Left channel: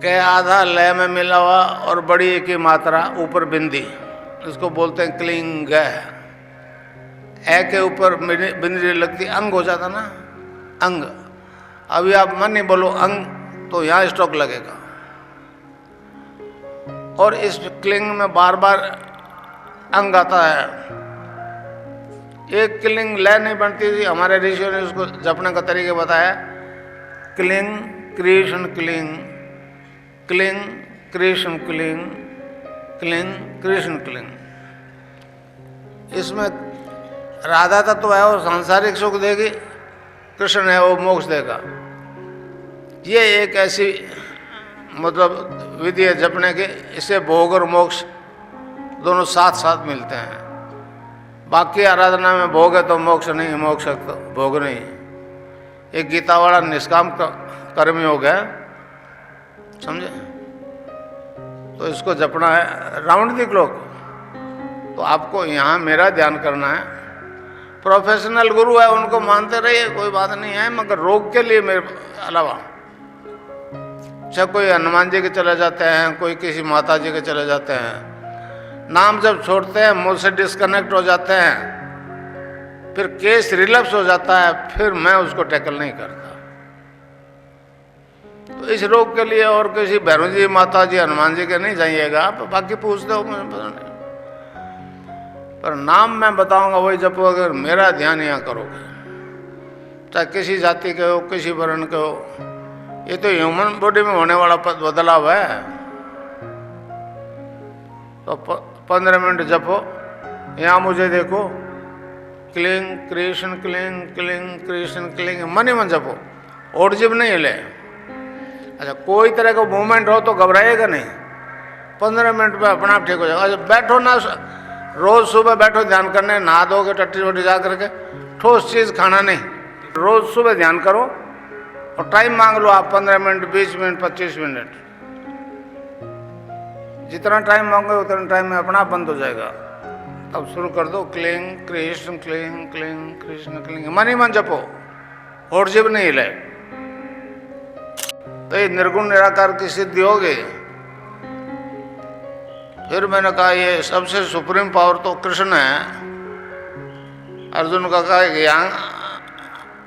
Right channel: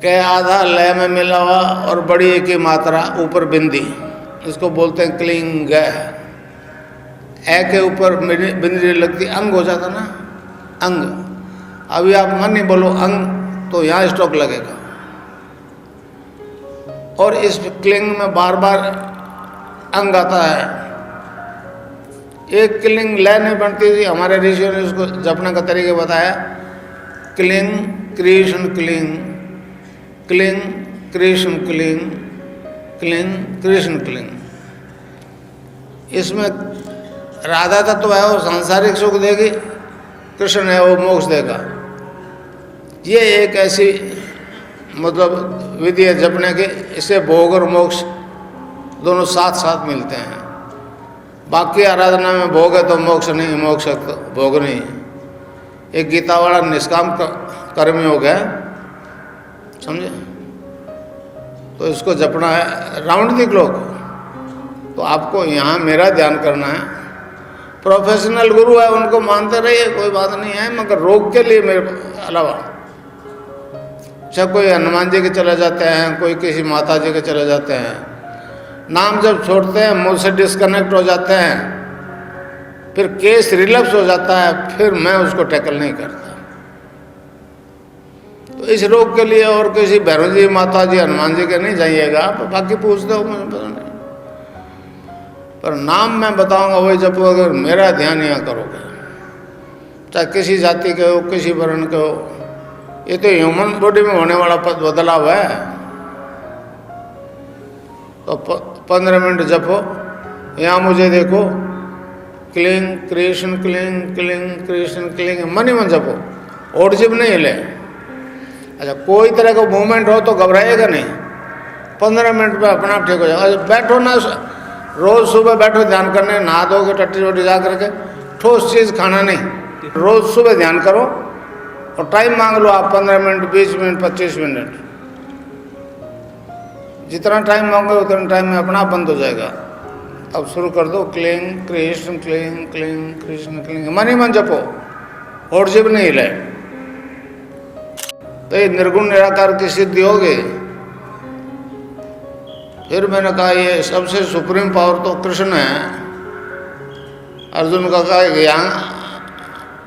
के आधा लय में मिला हुआ और बड़ी एक ही मात्रा ऊपर बिंदी, इसको बोलते हैं क्लिंग। ए के ऊपर बिंदी लगती अंग हो जाता ना, अंग। अभी आप मन नहीं बोलो अंग तो यहाँ स्टॉक लगेगा। और इस क्लिंग में बार बार अंग आता है। एक क्लिंग लय नहीं बनती थी, हमारे ऋषियों ने उसको जपने का तरीका बताया। Cling Krishna cling, cling Krishna cling, cling Krishna cling. इसमें राधा तत्व है वो सांसारिक सुख देगी, कृष्ण है वो मोक्ष देगा। ये एक ऐसी मतलब विधि है जपने की, इससे भोग और मोक्ष दोनों साथ साथ मिलते हैं। बाकी आराधना में भोग है तो मोक्ष नहीं, मोक्ष है तो भोग नहीं। एक गीता वाला निष्काम कर्मी हो गया, समझे? तो इसको जपना है राउंड द क्लॉक। तो आपको यहाँ मेरा ध्यान करना है। प्रोफेशनल गुरु है उनको मानते रहिए, कोई बात नहीं है, मगर रोग के लिए मेरे अलावा सब कोई हनुमान जी के चले जाते हैं, कोई किसी माता जी के चले जाते हैं, नाम जब छोड़ते हैं मुझसे डिस्कनेक्ट हो जाते हैं, फिर केस रिलैप्स हो जाता है, फिर मैं उसको टैकल नहीं करता। तो इस रोग के लिए और किसी भैरव जी, माता जी, हनुमान जी के नहीं जाइएगा आप, बाकी पूछते हो मुझे पता नहीं, पर नाम मैं बताऊंगा वही जब अगर मेरा ध्यान यहाँ करोगे, चाहे किसी जाति के हो, किसी वर्ण के हो। ये तो ह्यूमन बॉडी में होने वाला बदलाव है। तो 15 मिनट जपो, यहाँ मुझे देखो, cling Krishna cling, cling Krishna cling, मन ही मन जपो, और जिब नहीं हिले। अच्छा, कोई तरह का मूवमेंट हो तो घबराएगा नहीं, 15 मिनट में अपना ठीक हो जाएगा। अच्छा, बैठो ना, रोज सुबह बैठो ध्यान करने, नहा धोके टट्टी रोटी जा करके, ठोस चीज खाना नहीं, रोज सुबह ध्यान करो और टाइम मांग लो आप, 15 मिनट, 20 मिनट, 25 मिनट, जितना टाइम मांगोगे उतना टाइम में अपना बंद हो जाएगा। अब शुरू कर दो, cling Krishna cling, cling Krishna cling, मन ही मन जपो, और जिब नहीं हिले, तो ये निर्गुण निराकार की सिद्धि होगी। फिर मैंने कहा ये सबसे सुप्रीम पावर तो कृष्ण है। अर्जुन का कहा कि यहाँ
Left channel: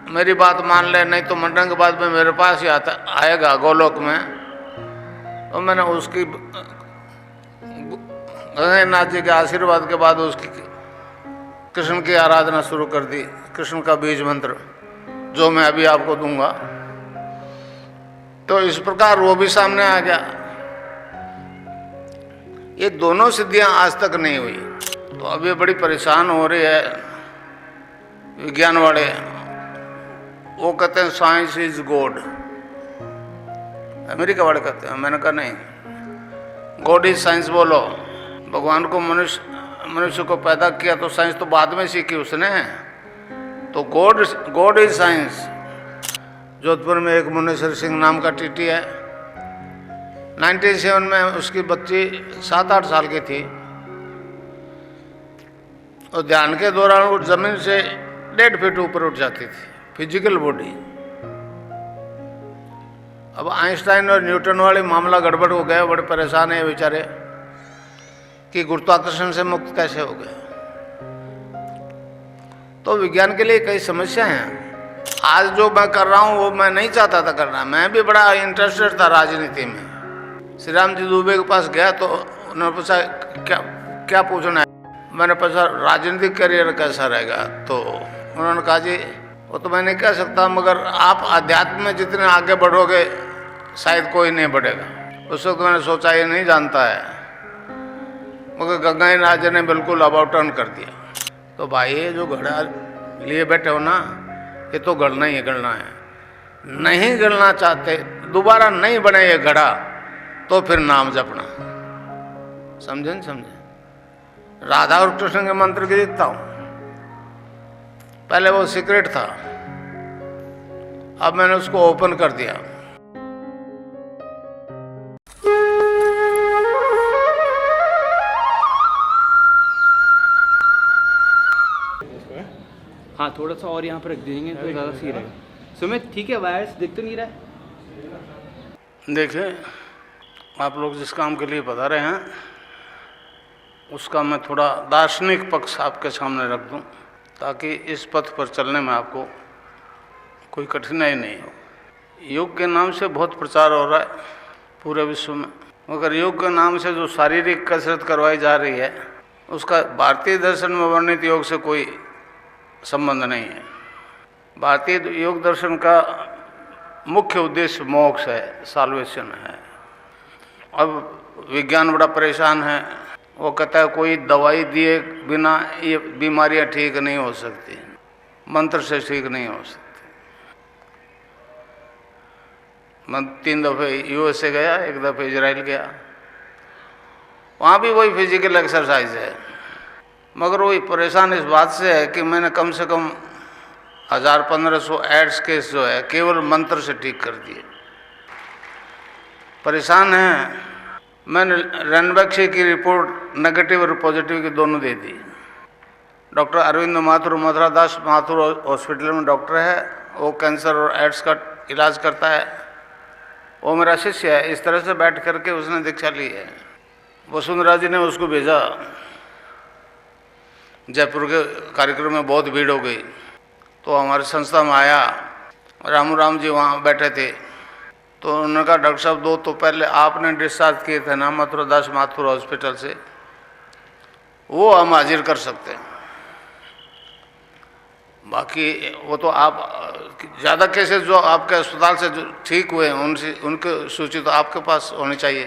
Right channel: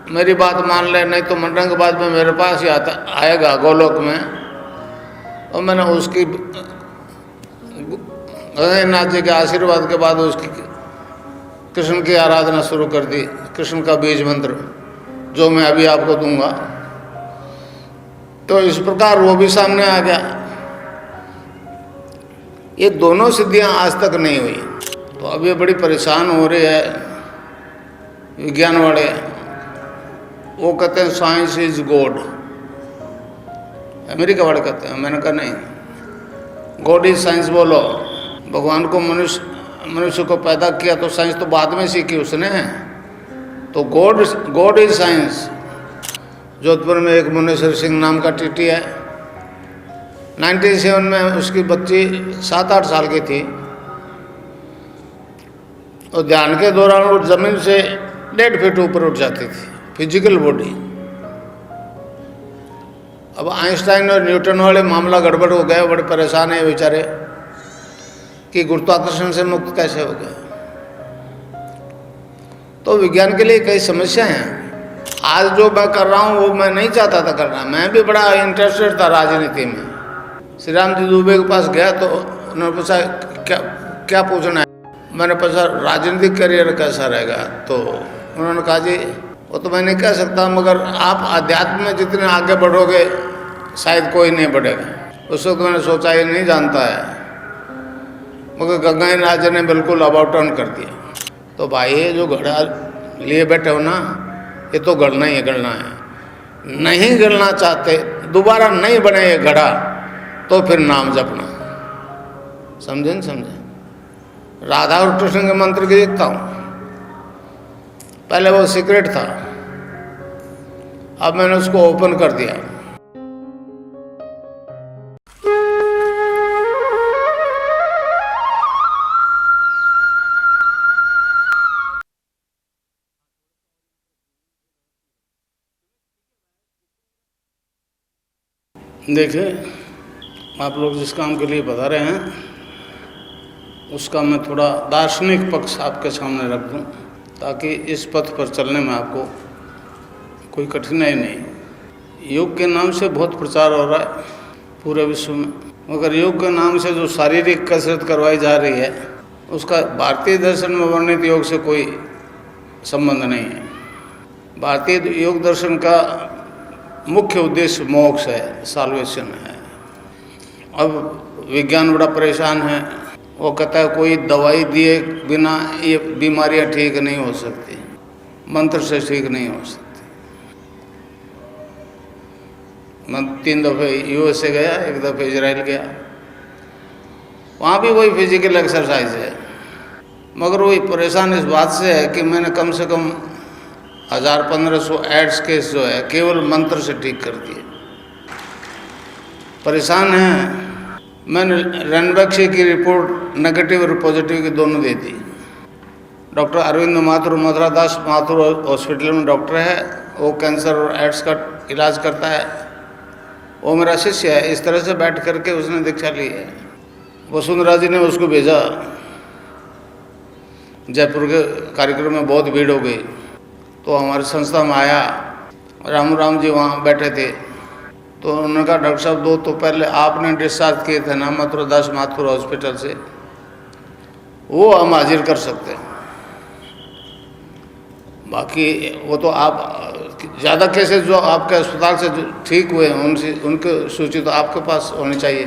मेरी बात मान ले, नहीं तो मंडंग बाद में मेरे पास ही आएगा गोलोक में। और मैंने उसकी नाथ जी के आशीर्वाद के बाद उसकी कृष्ण की आराधना शुरू कर दी, कृष्ण का बीज मंत्र जो मैं अभी आपको दूंगा। तो इस प्रकार वो भी सामने आ गया। ये दोनों सिद्धियां आज तक नहीं हुई, तो अब ये बड़ी परेशान हो रही है विज्ञान वाले। वो कहते हैं साइंस इज गॉड, अमेरिका वाले कहते हैं। मैंने कहा नहीं, गॉड इज साइंस बोलो। भगवान को मनुष्य को पैदा किया तो साइंस तो बाद में सीखी उसने, तो गॉड इज साइंस। जोधपुर में एक मुनेश्वर सिंह नाम का टीटी है, 97 में उसकी बच्ची 7-8 साल की थी, और ध्यान के दौरान वो जमीन से 1.5 फीट ऊपर उठ जाती थी, फिजिकल बॉडी। अब आइंस्टाइन और न्यूटन वाले मामला गड़बड़ हो गया, बड़े परेशान है बेचारे कि गुरुत्वाकर्षण से मुक्त कैसे हो गया। तो विज्ञान के लिए कई समस्याएं हैं। आज जो मैं कर रहा हूँ वो मैं नहीं चाहता था करना, मैं भी बड़ा इंटरेस्टेड था राजनीति में। श्री राम जी दुबे के पास गया तो उन्होंने पूछा क्या पूछना है। मैंने पूछा राजनीतिक करियर कैसा रहेगा, तो उन्होंने कहा जी वो तो मैं नहीं कह सकता, मगर आप अध्यात्म में जितने आगे बढ़ोगे शायद कोई नहीं बढ़ेगा। उस वक्त मैंने सोचा ये नहीं जानता है, मगर गंगाई नाथ ने बिल्कुल अबाउट टर्न कर दिया। तो भाई ये जो घड़ा लिए बैठे हो ना, ये तो गड़ना ही गड़ना है। नहीं गड़ना चाहते, दोबारा नहीं बने ये घड़ा, तो फिर नाम जपना। समझे न समझे? राधा और कृष्ण के मंत्र की देखता हूँ, पहले वो सीक्रेट था, अब मैंने उसको ओपन कर दिया। हाँ, थोड़ा सा और यहाँ पर रख देंगे तो ज़्यादा सही रहेगा। सुमित ठीक है, वायर्स दिख तो नहीं रहा है? देखिए आप लोग जिस काम के लिए पधारे हैं उसका मैं थोड़ा दार्शनिक पक्ष आपके सामने रख दूं, ताकि इस पथ पर चलने में आपको कोई कठिनाई नहीं हो। योग के नाम से बहुत प्रचार हो रहा है पूरे विश्व में, मगर योग के नाम से जो शारीरिक कसरत करवाई जा रही है उसका भारतीय दर्शन में वर्णित योग से कोई संबंध नहीं है। भारतीय योग दर्शन का मुख्य उद्देश्य मोक्ष है, साल्वेशन है। अब विज्ञान बड़ा परेशान है, वो कहता है कोई दवाई दिए बिना ये बीमारियां ठीक नहीं हो सकती, मंत्र से ठीक नहीं हो सकती। मैं 3 दफ़े यूएसए गया, 1 दफ़े इजराइल गया, वहाँ भी वही फिजिकल एक्सरसाइज है, मगर वही परेशान इस बात से है कि मैंने कम से कम 1000-1500 एड्स केस जो है केवल मंत्र से ठीक कर दिए। परेशान है। मैंने रणबक्षी की रिपोर्ट नेगेटिव और पॉजिटिव की दोनों दे दी। डॉक्टर अरविंद माथुर, मधुरादास माथुर हॉस्पिटल में डॉक्टर है, वो कैंसर और एड्स का इलाज करता है, वो मेरा शिष्य है। इस तरह से बैठ करके उसने दीक्षा ली है। वसुंधरा जी ने उसको भेजा, जयपुर के कार्यक्रम में बहुत भीड़ हो गई, तो हमारी संस्था में आया। राम जी वहाँ बैठे थे, तो उन्होंने कहा डॉक्टर साहब 2 तो पहले आपने डिस्चार्ज किए थे ना मथुरादास माथुर हॉस्पिटल से, वो हम हाजिर कर सकते हैं, बाकी वो तो आप ज़्यादा केसेस जो आपके अस्पताल से जो ठीक हुए हैं उनसे उनकी सूची तो आपके पास होनी चाहिए।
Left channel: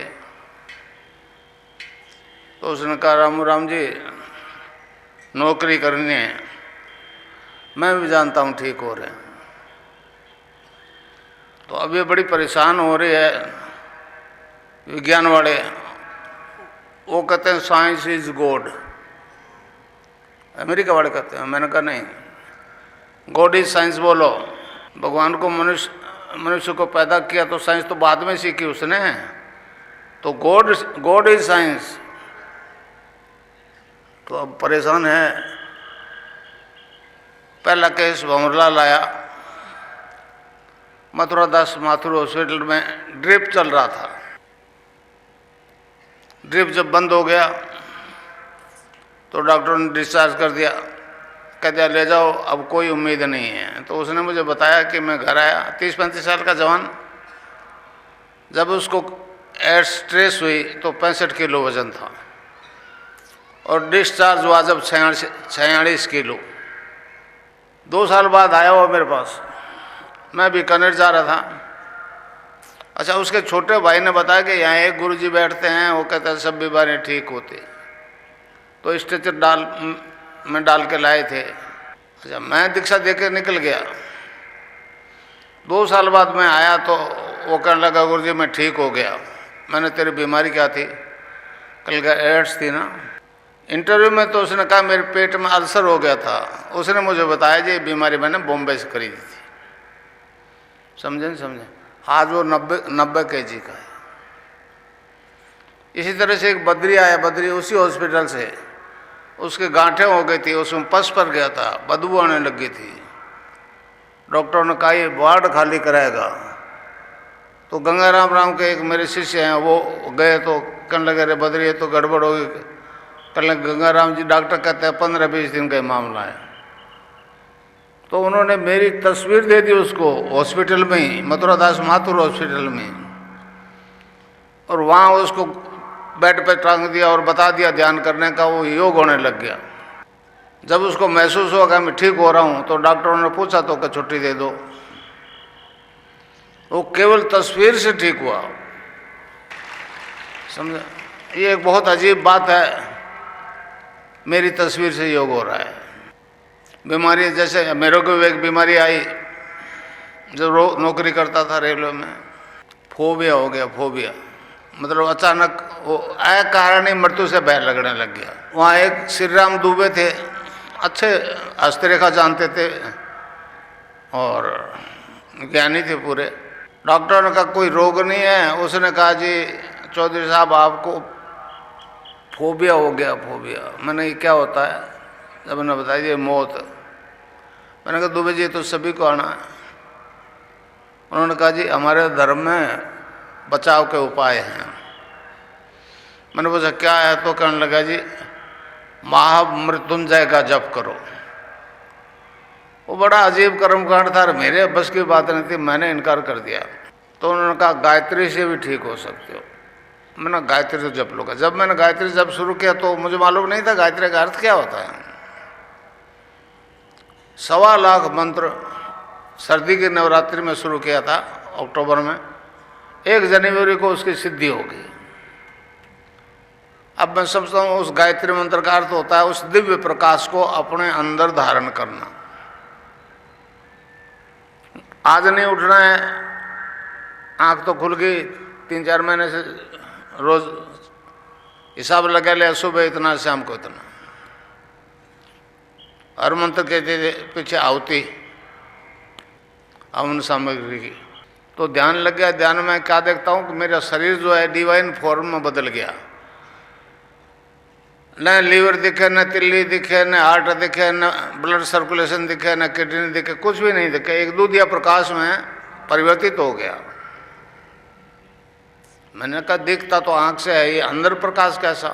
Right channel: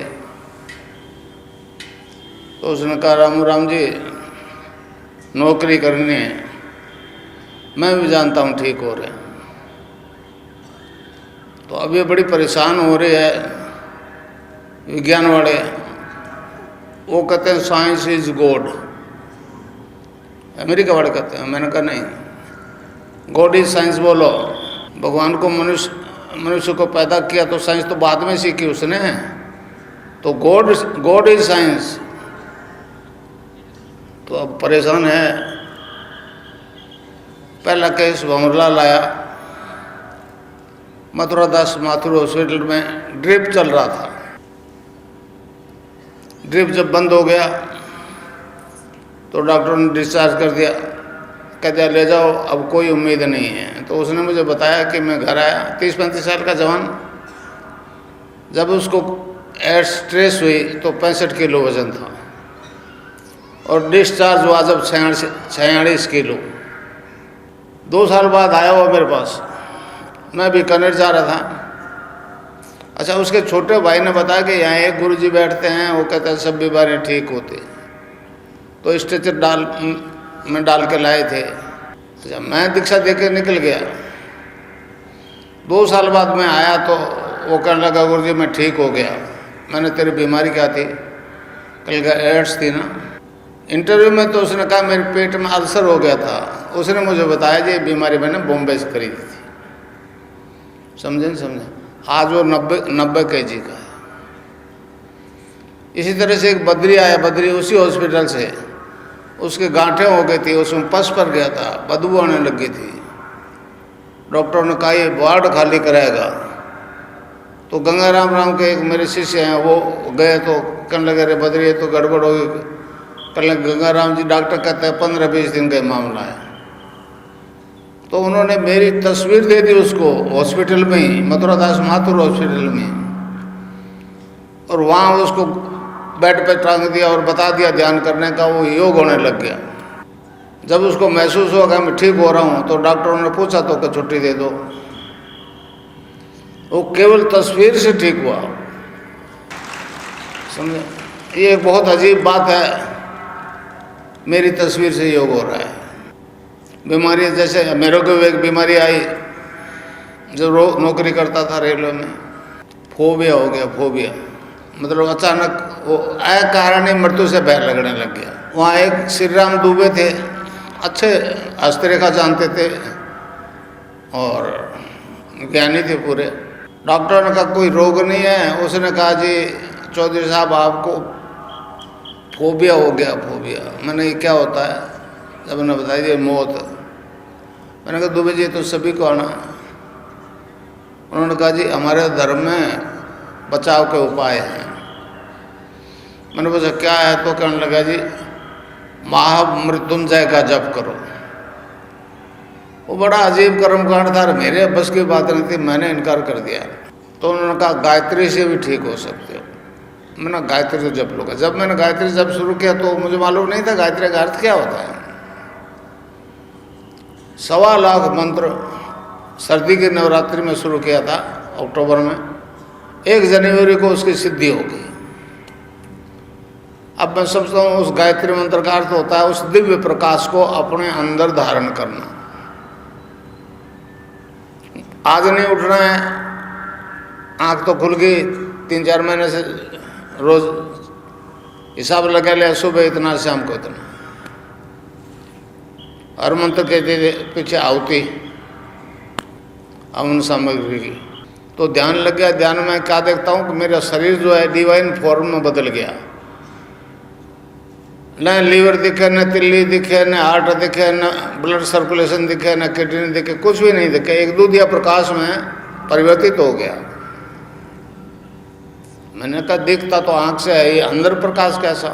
तो उसने कहा राम जी नौकरी करनी है, मैं भी जानता हूँ ठीक हो रहे हैं। तो अब ये बड़ी परेशान हो रही है विज्ञान वाले, वो कहते हैं साइंस इज गॉड, अमेरिका वाले कहते हैं। मैंने कहा नहीं, गॉड इज साइंस बोलो। भगवान को मनुष्य को पैदा किया तो साइंस तो बाद में सीखी उसने, तो गॉड इज साइंस। तो अब परेशान है। पहला केस भंवरलाल लाया, मथुरादास माथुर हॉस्पिटल में ड्रिप चल रहा था। ड्रिप जब बंद हो गया तो डॉक्टर ने डिस्चार्ज कर दिया, कह दिया ले जाओ, अब कोई उम्मीद नहीं है। तो उसने मुझे बताया कि मैं घर आया, 30-35 साल का जवान, जब उसको एड्स स्ट्रेस हुई तो 65 किलो वजन था, और डिस्चार्ज हुआ जब 46 किलो। 2 साल बाद आया वो मेरे पास, मैं बीकानेर जा रहा था। अच्छा, उसके छोटे भाई ने बताया कि यहाँ एक गुरुजी बैठते हैं, वो कहते हैं सब बीमारियाँ ठीक होती, तो स्ट्रेचर में डाल के लाए थे। अच्छा, मैं दीक्षा दे के निकल गया। 2 साल बाद मैं आया तो वो कहने लगा गुरुजी मैं ठीक हो गया। मैंने तेरी बीमारी क्या थी? कल का एड्स थी ना। इंटरव्यू में तो उसने कहा मेरे पेट में अल्सर हो गया था। उसने मुझे बताया जी ये बीमारी मैंने बॉम्बे से खरीदी थी। समझे? आज वो 90 kg का है। इसी तरह से एक बद्री आया, बद्री उसी हॉस्पिटल से, उसके गांठें हो गई थी, उसमें पस पर गया था, बदबू आने लगी थी। डॉक्टर ने कहा ये वार्ड खाली कराएगा। तो गंगाराम के एक मेरे शिष्य हैं, वो गए तो कहने लगे अरे बद्री ये तो गड़बड़ होगी। कहने गंगाराम जी डॉक्टर कहते हैं 15-20 दिन का मामला है। तो उन्होंने मेरी तस्वीर दे दी उसको हॉस्पिटल में ही, मथुरादास माथुर हॉस्पिटल में, और वहाँ उसको बेड पे टांग दिया और बता दिया ध्यान करने का। वो योग होने लग गया। जब उसको महसूस हुआ कि मैं ठीक हो रहा हूँ तो डॉक्टरों ने पूछा तो कि छुट्टी दे दो। वो केवल तस्वीर से ठीक हुआ। समझे? ये एक बहुत अजीब बात है, मेरी तस्वीर से योग हो रहा है। बीमारी जैसे मेरे को एक बीमारी आई जब नौकरी करता था रेलवे में, फोबिया हो गया। फोबिया मतलब अचानक वो अकारण ही मृत्यु से भय लगने लग गया। वहाँ एक श्री राम दुबे थे, अच्छे हस्तरेखा जानते थे और ज्ञानी थे पूरे। डॉक्टर ने कहा कोई रोग नहीं है। उसने कहा जी चौधरी साहब आपको फोबिया हो गया। फोबिया मैंने क्या होता है? जब मैंने बताया ये मौत। मैंने कहा दुबे जी तो सभी को आना है। उन्होंने कहा जी हमारे धर्म में बचाव के उपाय हैं। मैंने पूछा क्या है, तो कहने लगा जी महामृत्युंजय का जप करो। वो बड़ा अजीब कर्मकांड था, मेरे बस की बात नहीं थी, मैंने इनकार कर दिया। तो उन्होंने कहा गायत्री से भी ठीक हो सकते हो। मैंने गायत्री तो जप लूँगा। जब मैंने गायत्री जप शुरू किया तो मुझे मालूम नहीं था गायत्री का अर्थ क्या होता है। 1.25 लाख मंत्र सर्दी के नवरात्रि में शुरू किया था अक्टूबर में, 1 जनवरी को उसकी सिद्धि हो गई। अब मैं समझता हूँ उस गायत्री मंत्र का अर्थ होता है उस दिव्य प्रकाश को अपने अंदर धारण करना। आज नहीं उठना है, आंख तो खुल गई, 3-4 महीने से रोज हिसाब लगा लिया, सुबह इतना शाम को इतना, हर मंत्र के पीछे आहुति हवन सामग्री की। तो ध्यान लग गया। ध्यान में क्या देखता हूँ कि मेरा शरीर जो है डिवाइन फॉर्म में बदल गया। न लीवर दिखे, न तिल्ली दिखे, न हार्ट दिखे, न ब्लड सर्कुलेशन दिखे, न किडनी दिखे, कुछ भी नहीं दिखे। एक दूधिया प्रकाश में परिवर्तित हो गया। मैंने कहा दिखता तो आंख से है, ये अंदर प्रकाश कैसा?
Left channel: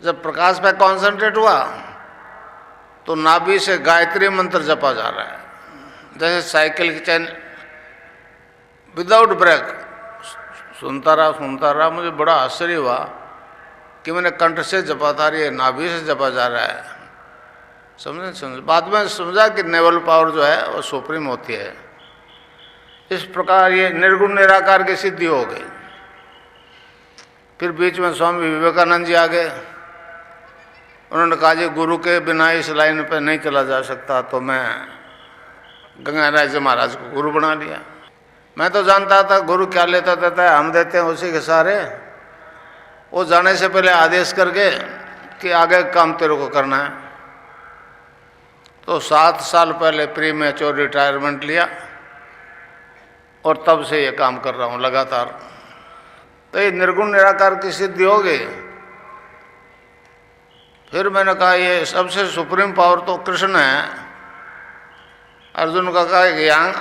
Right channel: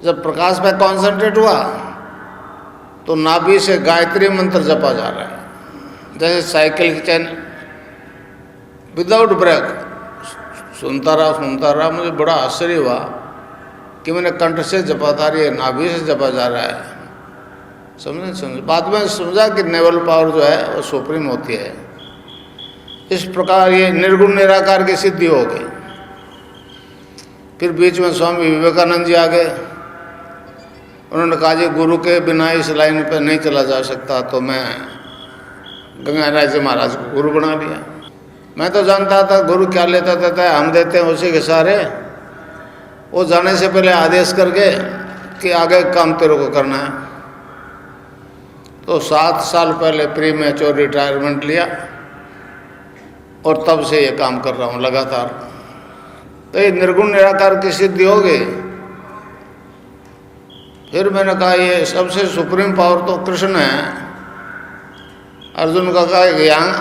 जब प्रकाश पे कॉन्सेंट्रेट हुआ तो नाभि से गायत्री मंत्र जपा जा रहा है, जैसे साइकिल की चैन विदाउट ब्रेक। सुनता रहा, मुझे बड़ा आश्चर्य हुआ कि मैंने कंठ से जपा था, ये नाभि से जपा जा रहा है। समझे। बाद में समझा कि नेवल पावर जो है वो सुप्रीम होती है। इस प्रकार ये निर्गुण निराकार की सिद्धि हो गई। फिर बीच में स्वामी विवेकानंद जी आ गए। उन्होंने कहा जी गुरु के बिना इस लाइन पे नहीं चला जा सकता, तो मैं गंगाराय जी महाराज को गुरु बना लिया। मैं तो जानता था गुरु क्या लेता देता है, हम देते हैं उसी के सारे। वो जाने से पहले आदेश करके कि आगे काम तेरे को करना है। तो 7 साल पहले प्री मैच्योर रिटायरमेंट लिया और तब से ये काम कर रहा हूँ लगातार। तो ये निर्गुण निराकार की सिद्धि हो गई। फिर मैंने कहा ये सबसे सुप्रीम पावर तो कृष्ण है। अर्जुन का कहा कि यहाँ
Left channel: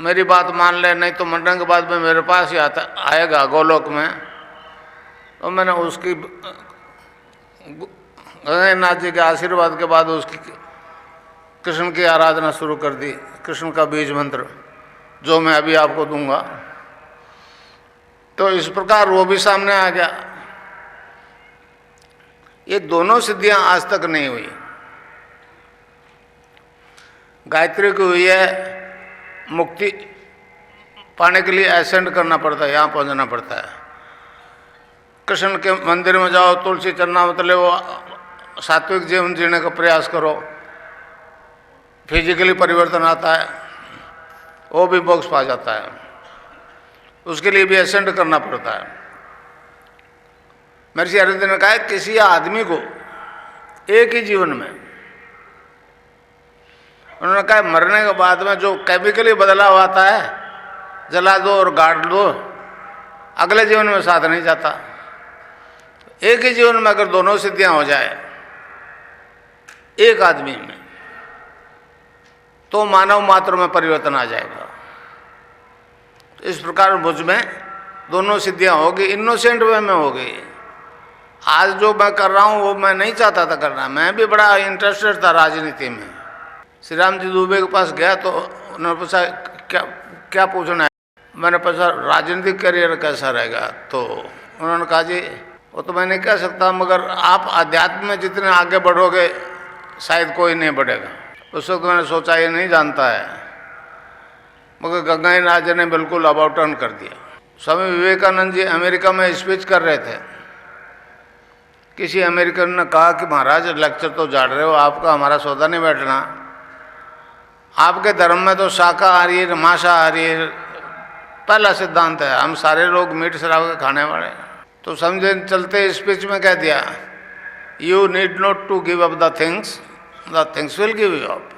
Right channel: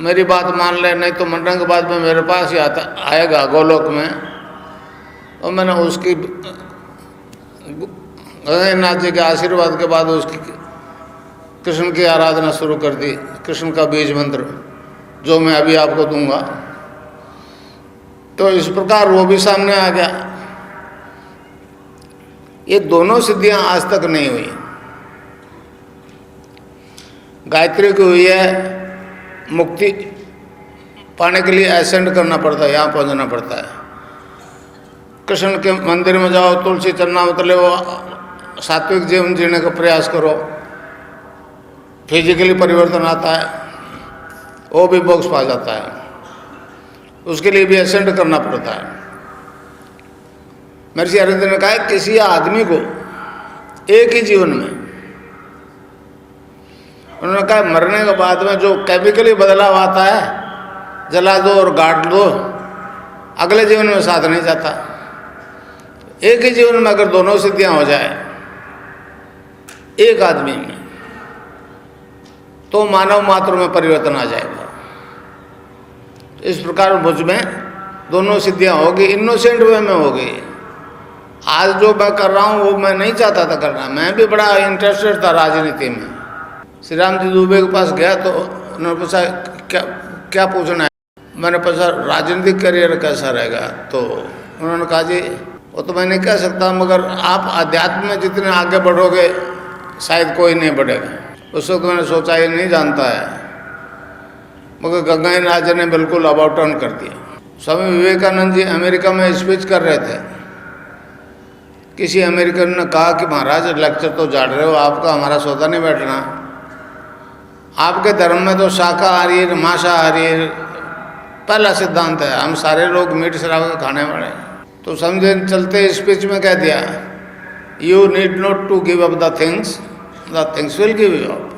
मेरी बात मान ले, नहीं तो मंडन के बाद में मेरे पास ही आएगा गोलोक में। और मैंने उसकी गंगानाथ जी के आशीर्वाद के बाद उसकी कृष्ण की आराधना शुरू कर दी। कृष्ण का बीज मंत्र जो मैं अभी आपको दूंगा। तो इस प्रकार वो भी सामने आ गया। ये दोनों सिद्धियां आज तक नहीं हुई। गायत्री की हुई है, मुक्ति पाने के लिए एसेंड करना पड़ता है, यहाँ पहुंचना पड़ता है। कृष्ण के मंदिर में जाओ, तुलसी चरना मतलब वो सात्विक जीवन जीने का प्रयास करो, फिजिकली परिवर्तन आता है, वो भी मोक्ष पा जाता है। उसके लिए भी एसेंड करना पड़ता है। महर्षि अरविंद ने कहा किसी आदमी को एक ही जीवन में, उन्होंने कहा मरने के बाद में जो केमिकली बदलाव आता है, जला दो और गाड़ दो, अगले जीवन में साथ नहीं जाता। एक ही जीवन में अगर दोनों सिद्धियां हो जाए एक आदमी में, तो मानव मात्र में परिवर्तन आ जाएगा। इस प्रकार मुझ में दोनों सिद्धियां हो गई, इनोसेंट वे में हो गई। आज जो मैं कर रहा हूँ वो मैं नहीं चाहता था करना। मैं भी बड़ा इंटरेस्टेड था राजनीति में। श्री राम जी दुबे के पास गया तो उन्होंने पूछा क्या पूछना है। मैंने पूछा राजनीतिक करियर कैसा रहेगा। तो उन्होंने कहा जी वो तो मैं नहीं कह सकता, मगर आप अध्यात्म में जितने आगे बढ़ोगे शायद कोई नहीं बढ़ेगा। उस वक्त मैंने सोचा ये नहीं जानता है, मगर गंगानाथ जी ने बिल्कुल अबाउट टर्न कर दिया। स्वामी विवेकानंद जी अमेरिका में स्पीच कर रहे थे। किसी अमेरिकन ने कहा कि महाराज लेक्चर तो झाड़ रहे हो, आपका हमारा सौदा नहीं बैठना। आपके धर्म में तो शाकाहारी मांसाहारी पहला सिद्धांत है, हम सारे लोग मीट शराब खाने वाले। तो समझे चलते स्पीच में कह दिया you need not to give up the things will give you up.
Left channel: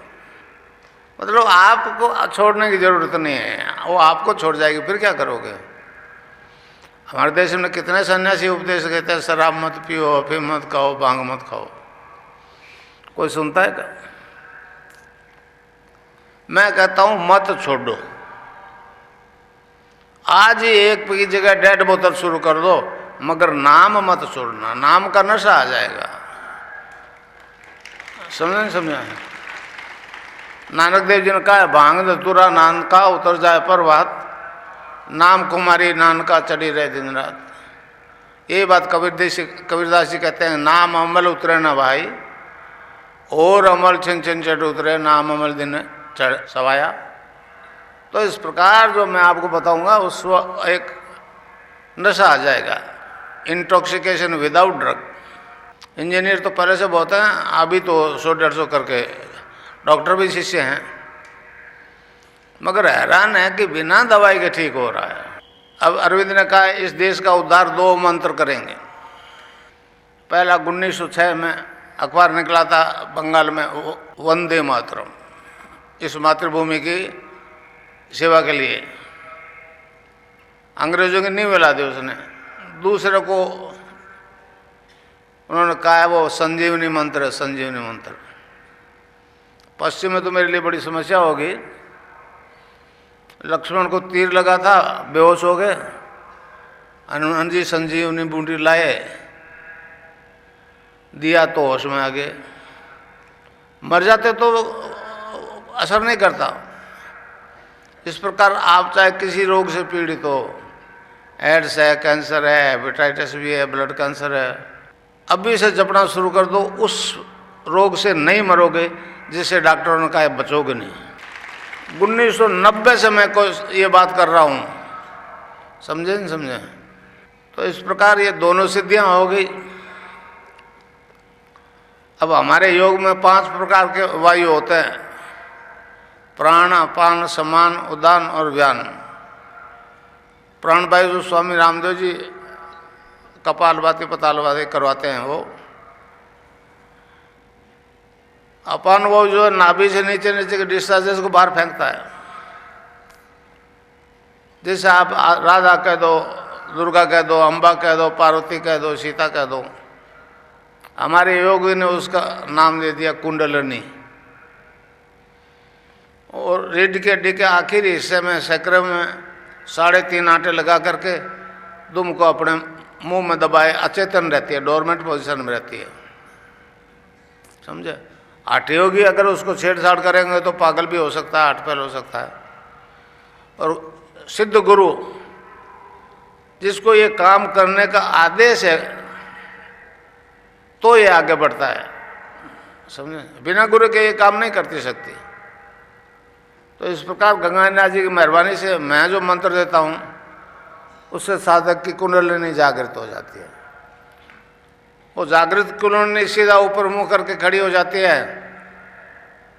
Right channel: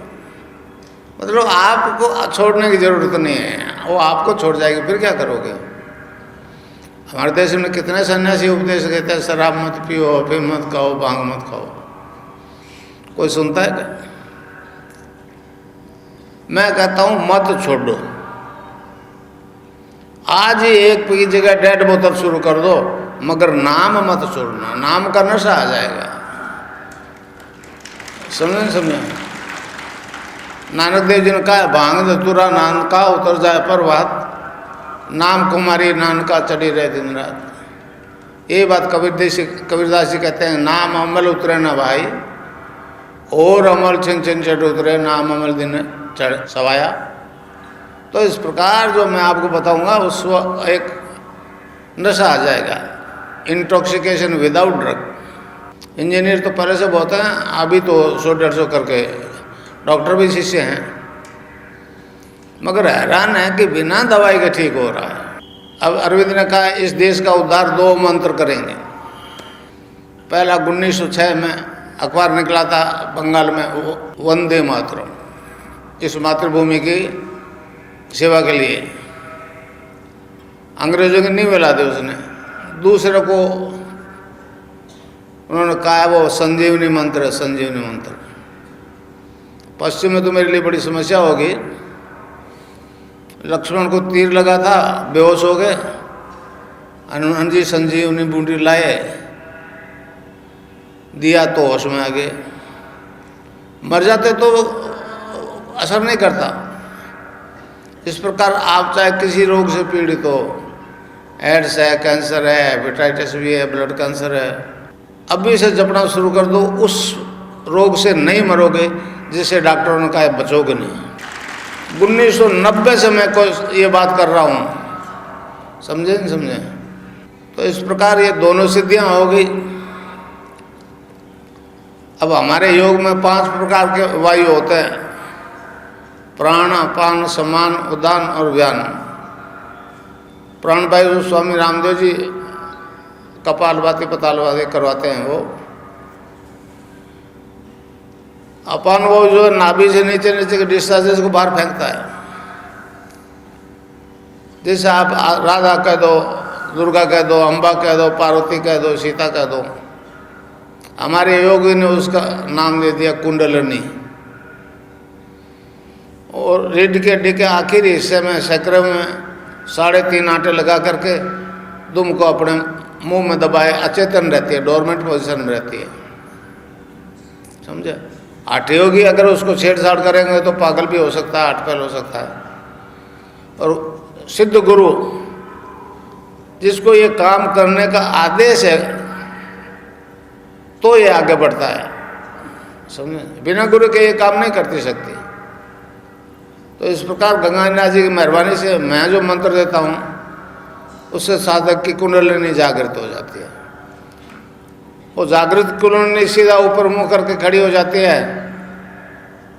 मतलब आपको छोड़ने की जरूरत नहीं है, वो आपको छोड़ जाएगी, फिर क्या करोगे। हमारे देश में कितने सन्यासी उपदेश देते हैं शराब मत पियो, अफीम मत खाओ, भांग मत खाओ, कोई सुनता है क्या? मैं कहता हूं मत छोड़ो। आज ही एक की जगह 1.5 बोतल शुरू कर दो, मगर नाम मत छोड़ना, नाम का नशा आ जाएगा। समझे? नानक देव जी ने कहा, भांग धतूरा नान का उतर जाए पर्वत, नाम कुमारी नानका चढ़ी रहे दिन रात। ये बात कबीरदास जी कहते हैं, नाम अमल उतरे ना भाई, और अमल छिन छिन चढ़ उतरे, नाम अमल दिन चढ़ सवाया। तो इस प्रकार जो मैं आपको बताऊंगा उस एक नशा आ जाएगा, इंटॉक्सिकेशन विदाउट ड्रग। इंजीनियर तो पहले से बहुत हैं, अभी तो 100-150 करके डॉक्टर भी शिष्य हैं, मगर हैरान है कि बिना दवाई के ठीक हो रहा है। अब अरविंद ने कहा इस देश का उद्धार 2 मंत्र करेंगे। पहला 1906 में अखबार निकला था बंगाल में, वंदे मातरम, इस मातृभूमि की सेवा के लिए अंग्रेजों की नींव मिला दी उसने। दूसरे को उन्होंने कहा है वो संजीवनी मंत्र है, संजीवनी मंत्र। पश्चिम में तो मेरे लिए बड़ी समस्या होगी। लक्ष्मण को तीर लगा था, बेहोश हो गए, हनुमान जी संजीवनी बूटी लाए, दिया तो होश में आ गए। मर जाते तो असर नहीं करता। इस प्रकार आप चाहे किसी रोग से पीड़ित हो, एड्स है, कैंसर है, हेपेटाइटिस भी है, ब्लड कैंसर है, अभी से जपना शुरू कर दो, उस रोग से नहीं मरोगे जिससे डॉक्टरों ने कहा बचोगे नहीं। 1990 से मैं को ये बात कर रहा हूँ, समझे नहीं समझे? तो इस प्रकार ये दोनों सिद्धियां हो गई। अब हमारे योग में 5 प्रकार के वायु होते हैं, प्राण, अपान, समान, उदान और व्यान। प्राण वायु स्वामी रामदेव जी कपालभाति पतालभाति करवाते हैं वो। अपान वायु जो है नाभि से नीचे नीचे के डिस्चार्जेस को बाहर फेंकता है। जैसे आप राधा कह दो, दुर्गा कह दो, अम्बा कह दो, पार्वती कह दो, सीता कह दो, हमारे योगी ने उसका नाम दे दिया कुंडलनी। और रीढ़ के हड्डी के आखिरी हिस्से में सकरे में 3.5 आटे लगा करके दुम को अपने मुंह में दबाए, अचेतन रहती है, डोरमेंट पोजीशन में रहती है, समझे? आटे योगी अगर उसको छेड़छाड़ करेंगे तो पागल भी हो सकता है, आठ पैल हो सकता है। और सिद्ध गुरु जिसको ये काम करने का आदेश है तो ये आगे बढ़ता है, समझे? बिना गुरु के ये काम नहीं करती शक्ति। तो इस प्रकार गंगानाथ जी की मेहरबानी से मैं जो मंत्र देता हूँ उससे साधक की कुंडलिनी जागृत हो जाती है। वो जागृत कुंडलिनी सीधा ऊपर मुंह करके खड़ी हो जाती है।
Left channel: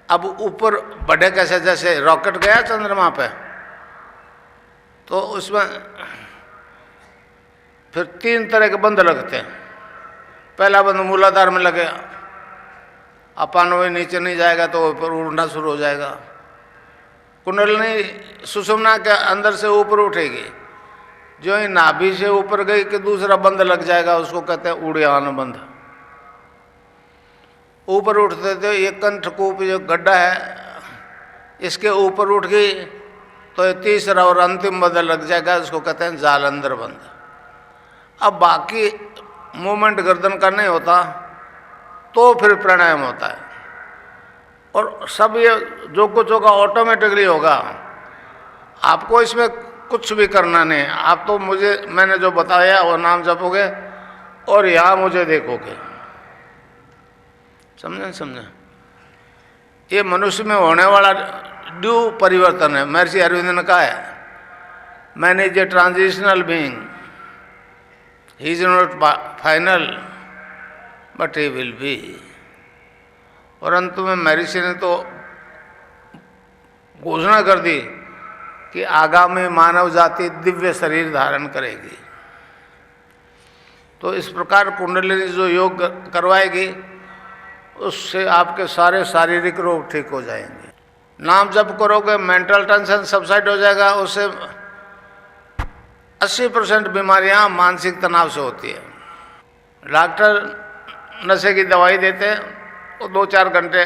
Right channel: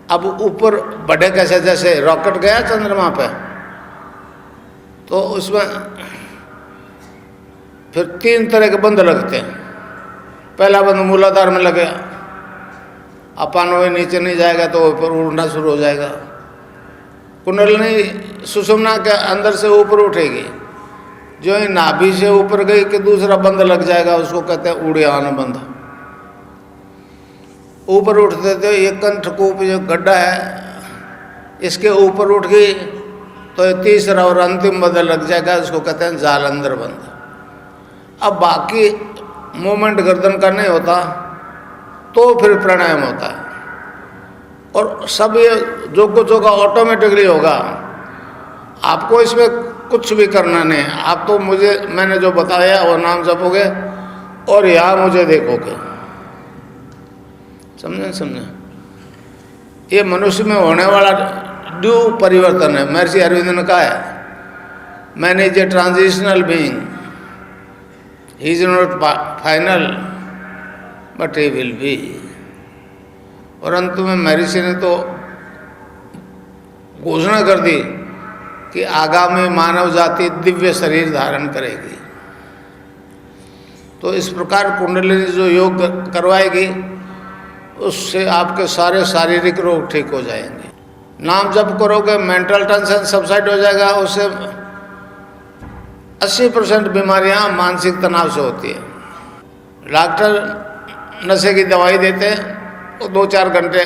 अब ऊपर बढ़े कैसे? जैसे रॉकेट गया चंद्रमा पे, तो उसमें फिर 3 तरह के बंद लगते हैं। पहला बंद मूलाधार में लगे, अपान वायु नीचे नहीं जाएगा तो ऊपर उड़ना शुरू हो जाएगा। कुंडलिनी सुषुम्ना के अंदर से ऊपर उठेगी, जो ही नाभि से ऊपर गई कि दूसरा बंद लग जाएगा, उसको कहते हैं उड़ियान बंद। ऊपर उठते थे, ये कंठकूप जो गड्ढा है इसके ऊपर उठ गई तो ये तीसरा और अंतिम बंद लग जाएगा, इसको कहते हैं जालंधर बंद। अब बाकी मूवमेंट गर्दन का नहीं होता तो फिर प्राणायाम होता है। और सब ये जो कुछ होगा ऑटोमेटिकली होगा, आपको इसमें कुछ भी करना नहीं। आप तो मैंने जो बताया वो नाम जपोगे और यहाँ मुझे देखोगे, समझे? ये मनुष्य में होने वाला ड्यू परिवर्तन है। महर्षि अरविंद ने कहा है, man is a transitional being, he is not final but he will be. और अंत में महर्षि ने तो घोषणा कर दी कि आगामी मानव जाति दिव्य शरीर धारण करेगी। तो इस प्रकार कुंडलिनी जो योग करवाएगी उससे आपके सारे शारीरिक रोग ठीक हो जाएंगे। नाम जप करोगे मेंटल टेंशन सबसाइड हो जाएगा। उससे 80% बीमारियां मानसिक तनाव से होती है। डॉक्टर नशे की दवाई देते हैं तो 2-4 घंटे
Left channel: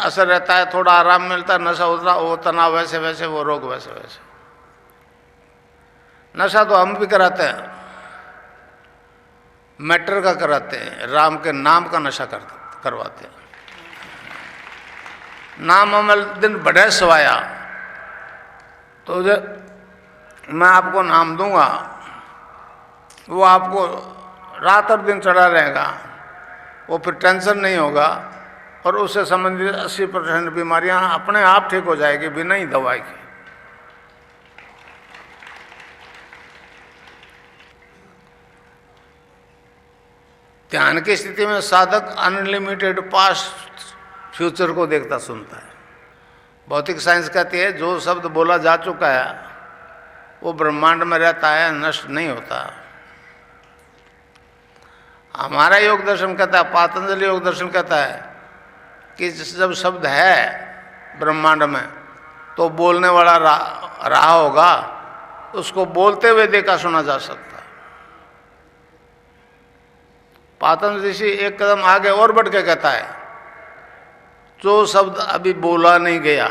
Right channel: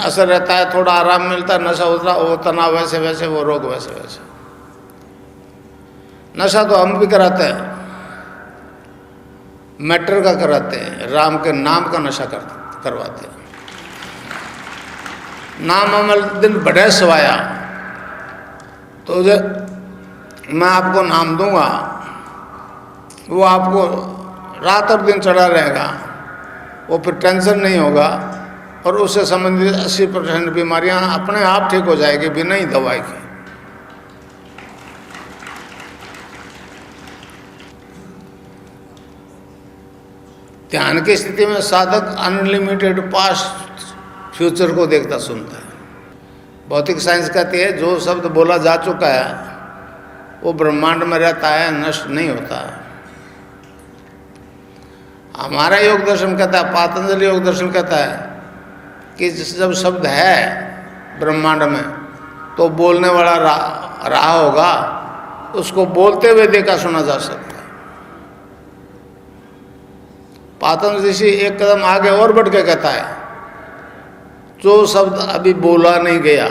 असर रहता है, थोड़ा आराम मिलता है, नशा उतरा, वो तनाव वैसे वैसे, वो रोग वैसे वैसे। नशा तो हम भी कराते हैं, मैटर का कराते हैं, राम के नाम का नशा करवाते हैं। नाम अमल दिन बढ़े सवाया, तो मैं आपको नाम दूंगा, वो आपको रात और दिन चढ़ा रहेगा, वो फिर टेंशन नहीं होगा, और उससे संबंधित 80% बीमारियां अपने आप ठीक हो जाएगी बिना ही दवाई के। ध्यान की स्थिति में साधक अनलिमिटेड पास्ट फ्यूचर को देखता सुनता है। भौतिक साइंस कहती है जो शब्द बोला जा चुका है वो ब्रह्मांड में रहता है, नष्ट नहीं होता है। हमारा योग दर्शन कहता है, पातंजलि योग दर्शन कहता है कि जब शब्द है ब्रह्मांड में तो बोलने वाला रहा होगा, उसको बोलते हुए देखा सुना जा सकता है। पातंजलि ऋषि एक कदम आगे और बढ़ के कहता है जो शब्द अभी बोला नहीं गया,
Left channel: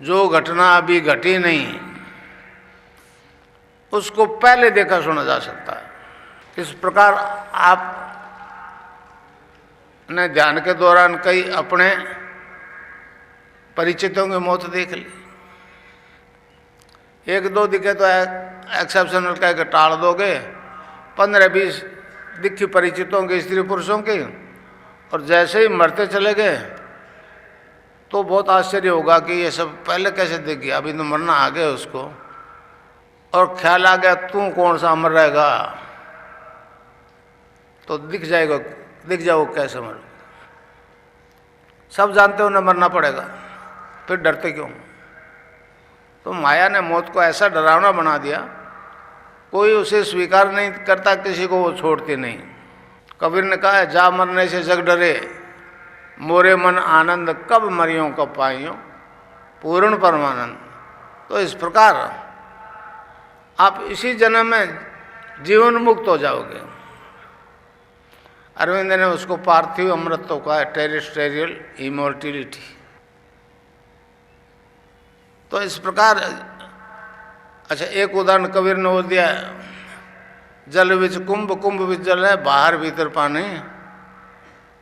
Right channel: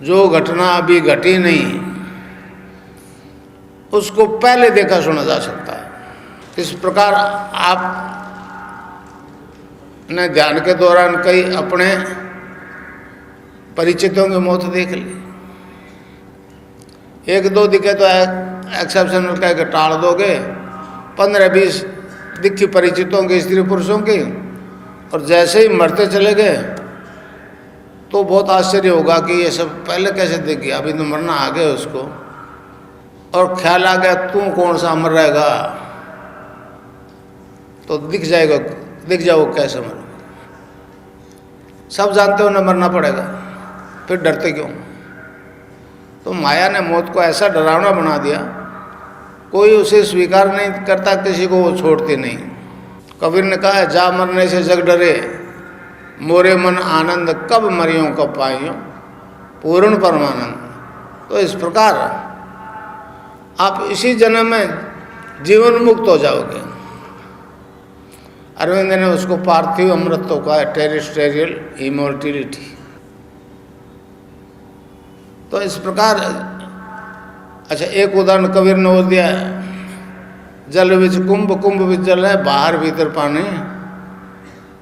जो घटना अभी घटी नहीं, उसको पहले देखा सुना जा सकता है। इस प्रकार आप ने ध्यान के दौरान कई अपने परिचितों की मौत देख ली। एक दो दिखे तो एक्सेप्शनल कह के टाल दोगे, 15-20 दिखी परिचितों की, स्त्री पुरुषों की, और जैसे ही मरते चले गए तो बहुत आश्चर्य होगा कि ये सब पहले कैसे दिख गया, अभी तो मरना आ गया उसको, और ख्याल आ गया तू कौन सा मर रहेगा, तो दिख जाओ कैसे मर। सब जानते हो न मरना पड़ेगा, फिर डरते क्यों? तो माया ने मौत को ऐसा डरावना बना दिया, कोई उसे स्वीकार नहीं करता, किसी को वो छोड़ती नहीं। कबीर ने कहा है जा मरने से जग डरे, मोरे मन आनंद कब मरियों कब पाइयों, पूर्ण परमानंद। तो इस प्रकार आप इसी जन्म में जीवन मुक्त हो जाओगे। अरविंद ने उसको पार्थिव अमृत तो कहा है, टेरेस्ट्रियल इमोर्टिलिटी। तो इस प्रकार अच्छा एक उदाहरण कबीर ने वो दिया, जल विच कुंभ, कुंभ विच जल है, बाहर भीतर पानी,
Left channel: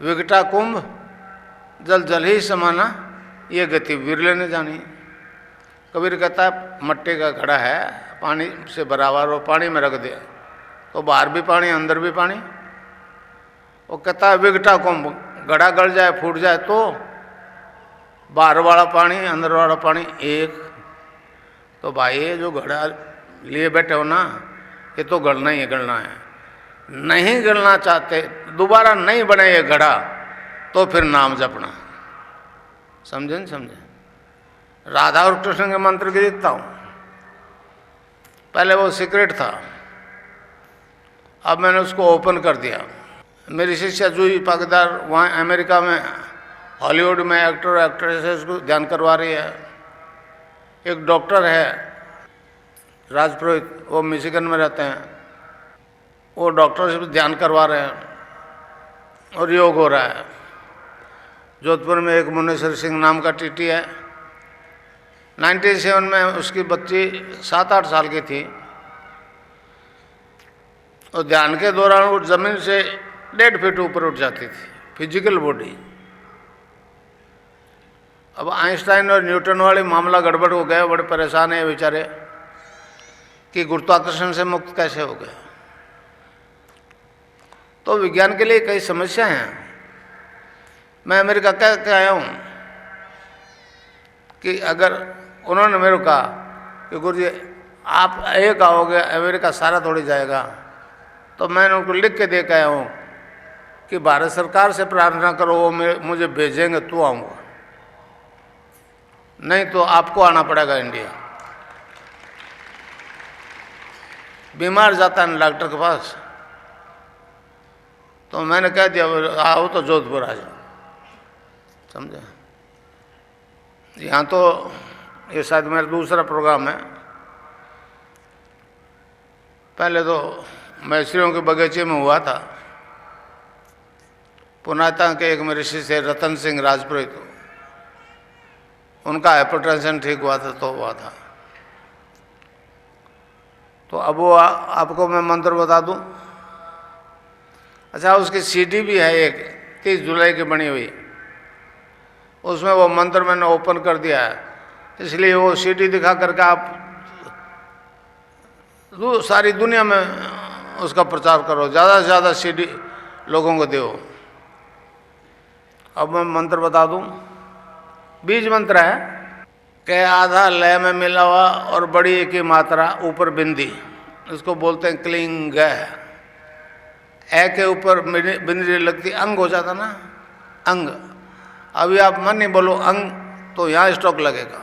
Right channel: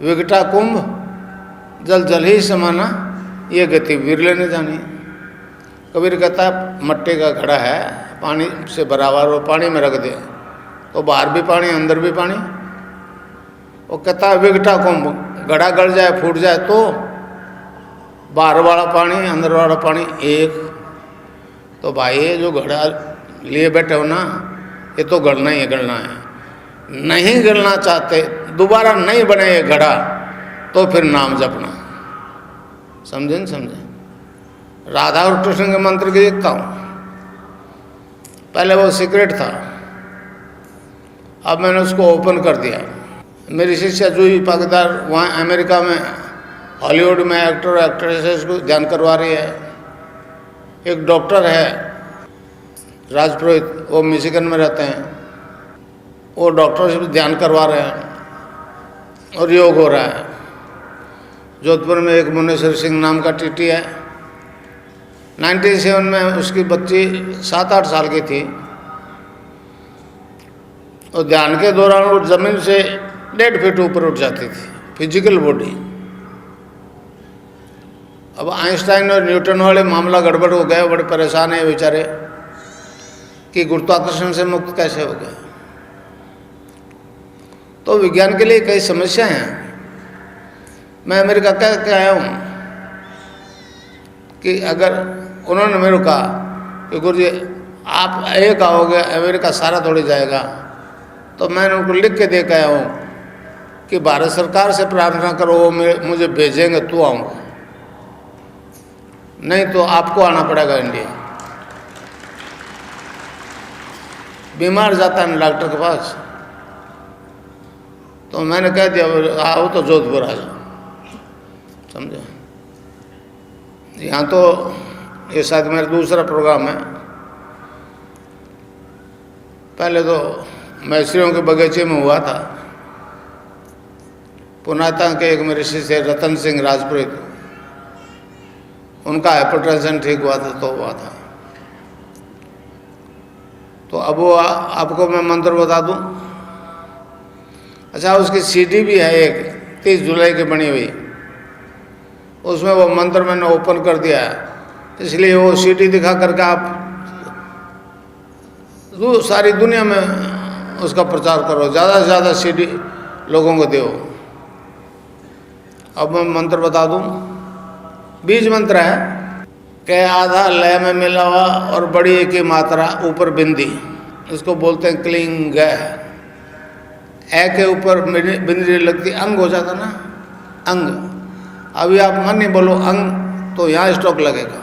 विकटा कुंभ जल जल ही समाना, ये गति विरले ने जानी। कबीर कहता है मट्टी का घड़ा है, पानी से बराबर वो पानी में रख दे तो बाहर भी पानी अंदर भी पानी। वो कहता है विकटा कुंभ, घड़ा गड़ जाए फूट जाए तो बाहर वाला पानी अंदर वाला पानी एक। तो भाई ये जो घड़ा लिए बैठे हो ना, ये तो गलना ही है, गलना है। नहीं गलना चाहते, दोबारा नहीं बने ये घड़ा, तो फिर नाम जपना। समझे न समझे? राधा और कृष्ण के मंत्र की देखता हूँ, पहले वो सीक्रेट था, अब मैंने उसको ओपन कर दिया। मेरी शिष्या जूही पागदार वहाँ अमेरिका में हॉलीवुड में एक्टर एक्ट्रेसेस को ध्यान करवा रही है। एक डॉक्टर है राजपुरोहित, वो मिशिगन में रहते हैं, वो डॉक्टर से भी ध्यान करवा रहे हैं और योग हो रहा है। जोधपुर में एक मुनेश्वर सिंह नाम का टीटी है, 97 में उसकी बच्ची 7-8 साल की थी, और ध्यान के दौरान वो जमीन से 1.5 फीट ऊपर उठ जाती थी, फिजिकल बॉडी। अब आइंस्टाइन और न्यूटन वाले मामला गड़बड़ हो गए, बड़े परेशान है बेचारे कि गुरुत्वाकर्षण से मुक्त कैसे हो गए। तो विज्ञान के लिए कई समस्याएं हैं। मैं अमेरिका कह के आया हूँ कि अगर उन्होंने मेरे को कहा कि गुरुजी आप एक आओगे, अमेरिका सारा थोड़ी जाएगा, तो मैंने उनको लिख के दे के आया हूँ कि भारत सरकार से प्रार्थना करो वो मुझे भेजेंगे तो आऊँगा, नहीं तो आपको आना पड़ेगा इंडिया। बीमार जाता है ना डॉक्टर के पास, तो मैंने कह दिया आओ तो जोधपुर आ जाओ। समझे? यहाँ तो ये शायद मेरा दूसरा प्रोग्राम है। पहले तो मैसरियों के बगीचे में हुआ था, पुनाता के एक मेरे शिष्य रतन सिंह राजपुरोहित, उनका हाइपरटेंशन ठीक हुआ था तो हुआ था। तो अब वो आपको मैं मंत्र बता दूं। अच्छा, उसकी सीडी भी है एक 30 जुलाई की बनी हुई, उसमें वो मंत्र मैंने ओपन कर दिया है, इसलिए वो सीडी दिखा करके आप सारी दुनिया में उसका प्रचार करो, ज़्यादा से ज़्यादा सीडी लोगों को दो। अब मैं मंत्र बता दूं, बीज मंत्र है कि आधा लय में मिला हुआ और बड़ी एक ही मात्रा ऊपर बिंदी, इसको बोलते हैं क्लिंग। ए के ऊपर बिंदी लगती, अंग हो जाता ना, अंग। अभी आप मन नहीं बोलो अंग, तो यहाँ स्टॉक लगेगा।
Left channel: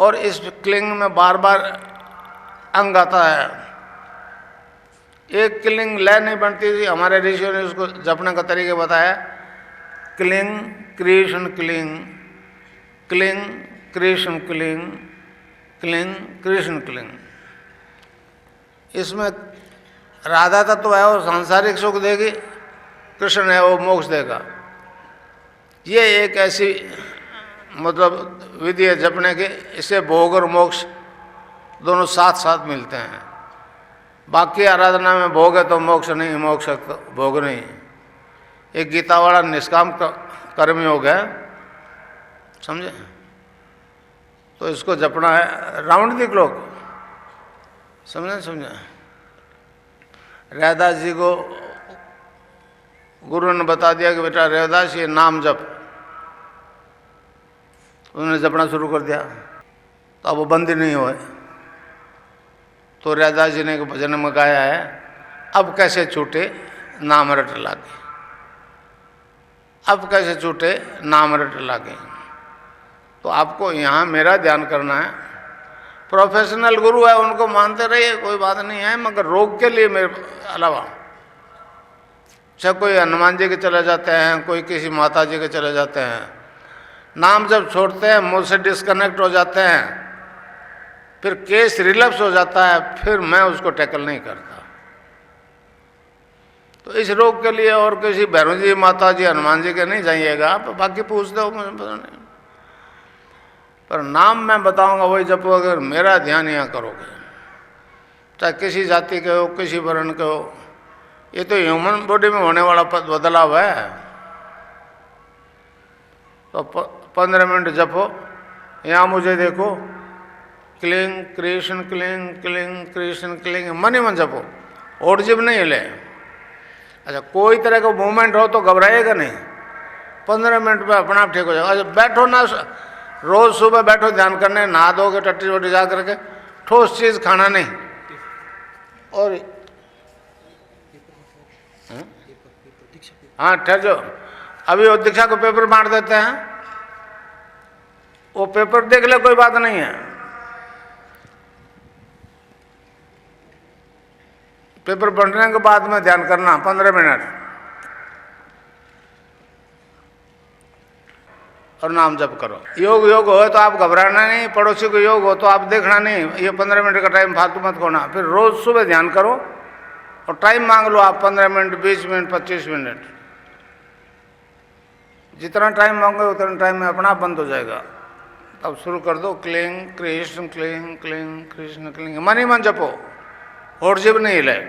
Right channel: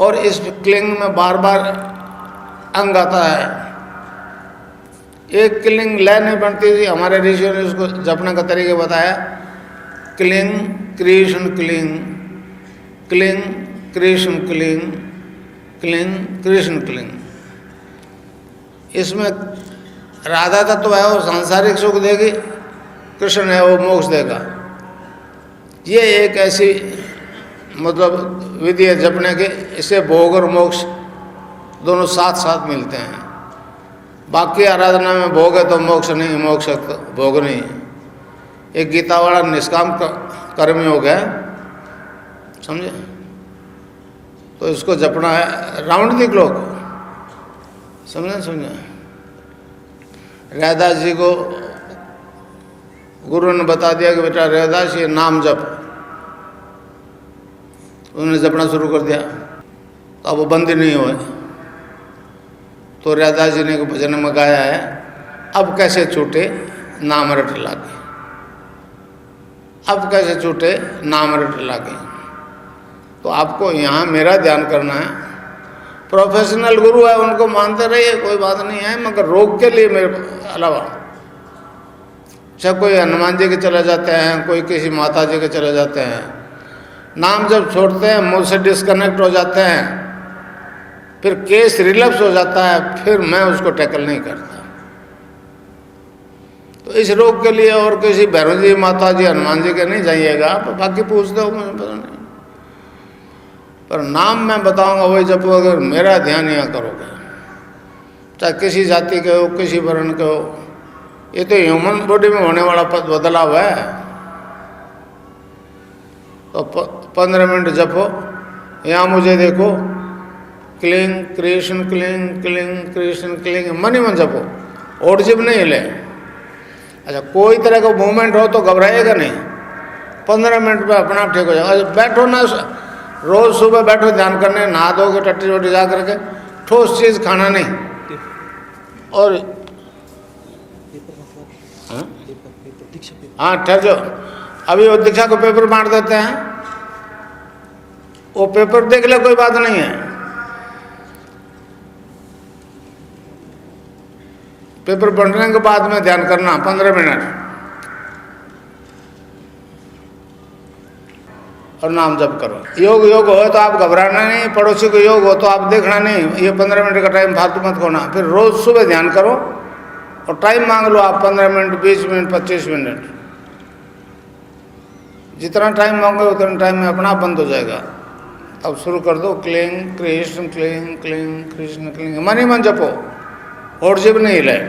और इस क्लिंग में बार बार अंग आता है, एक क्लिंग लय नहीं बनती थी। हमारे ऋषियों ने उसको जपने का तरीका बताया, cling Krishna cling, cling Krishna cling, cling Krishna cling. इसमें राधा तत्व है, वो सांसारिक सुख देगी, कृष्ण है वो मोक्ष देगा। ये एक ऐसी मतलब विधि है जपने की, इससे भोग और मोक्ष दोनों साथ साथ मिलते हैं। बाकी आराधना में भोग है तो मोक्ष नहीं, मोक्ष है तो भोग नहीं। एक गीता वाला निष्काम कर्मी हो गया, समझे? तो इसको जपना है राउंड द क्लॉक, समझे? रैदास जी को गुरु ने बता दिया कि बेटा रैदास ये नाम जप, उन्होंने जपना शुरू कर दिया, तो अब वो बंद ही नहीं हुए। तो रैदास जी ने एक भजन में गाया है, अब कैसे छूटे नाम रट लागे, अब कैसे छूटे नाम रट लागे। तो आपको यहाँ मेरा ध्यान करना है। प्रोफेशनल गुरु है, उनको मानते रहिए, कोई बात नहीं है, मगर रोग के लिए मेरे अलावा, चाहे कोई हनुमान जी के चले जाते हैं, कोई किसी माता जी के चले जाते हैं, नाम जब छोड़ते हैं मुझसे डिस्कनेक्ट हो जाते हैं, फिर केस रिलैप्स हो जाता है, फिर मैं उसको टैकल नहीं करता। तो इस रोग के लिए और किसी भैरव जी, माता जी, हनुमान जी के नहीं जाइएगा आप, बाकी पूछते हो मुझे पता नहीं, पर नाम मैं बताऊंगा वही जब अगर मेरा ध्यान यहाँ करोगे, चाहे किसी जाति के हो, किसी वर्ण के हो, ये तो ह्यूमन बॉडी में होने वाला बदलाव है। तो 15 मिनट जपो, यहाँ मुझे देखो, cling Krishna cling, cling Krishna cling, मन ही मन जपो, और जिब नहीं हिले। अच्छा, कोई तरह का मूवमेंट हो तो घबराएगा नहीं, 15 मिनट में अपना ठीक हो जाएगा। अच्छा, बैठो ना, रोज सुबह बैठो ध्यान करने, नहा दोगे टट्टी रोटी जा करके, ठोस चीज खाना नहीं। और हाँ ठहर जाओ, अभी वो दीक्षा को पेपर बांट देते हैं, वो पेपर देख ले, कोई बात नहीं है, पेपर पढ़ने के बाद में ध्यान करना 15 मिनट, और नाम जप करो। योग हो तो आप घबराना नहीं, पड़ोसी को योग हो तो आप देखना नहीं, ये 15 मिनट का टाइम फालतू मत खोना। फिर रोज सुबह ध्यान करो और टाइम मांग लो आप, 15 मिनट, 20 मिनट, 25 मिनट, जितना टाइम मांगो उतना टाइम में अपना बंद हो जाएगा। अब शुरू कर दो, cling Krishna cling, cling Krishna cling, मन ही मन जपो, और जीव नहीं हिलाए।